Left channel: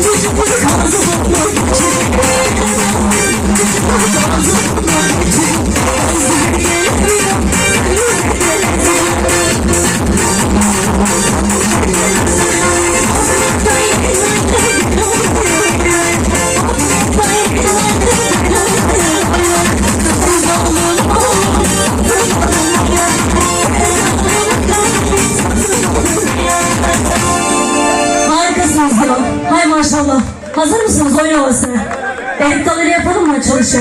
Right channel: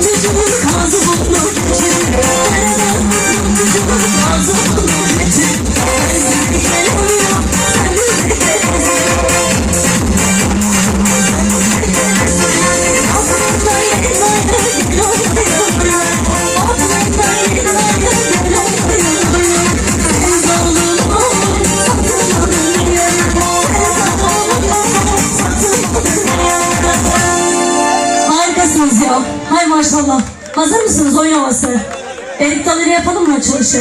就是我的卡。mısınız ya? Hay maşallah. Hazır mısınız oyun havası? Bektaları yapalım mı açılışı?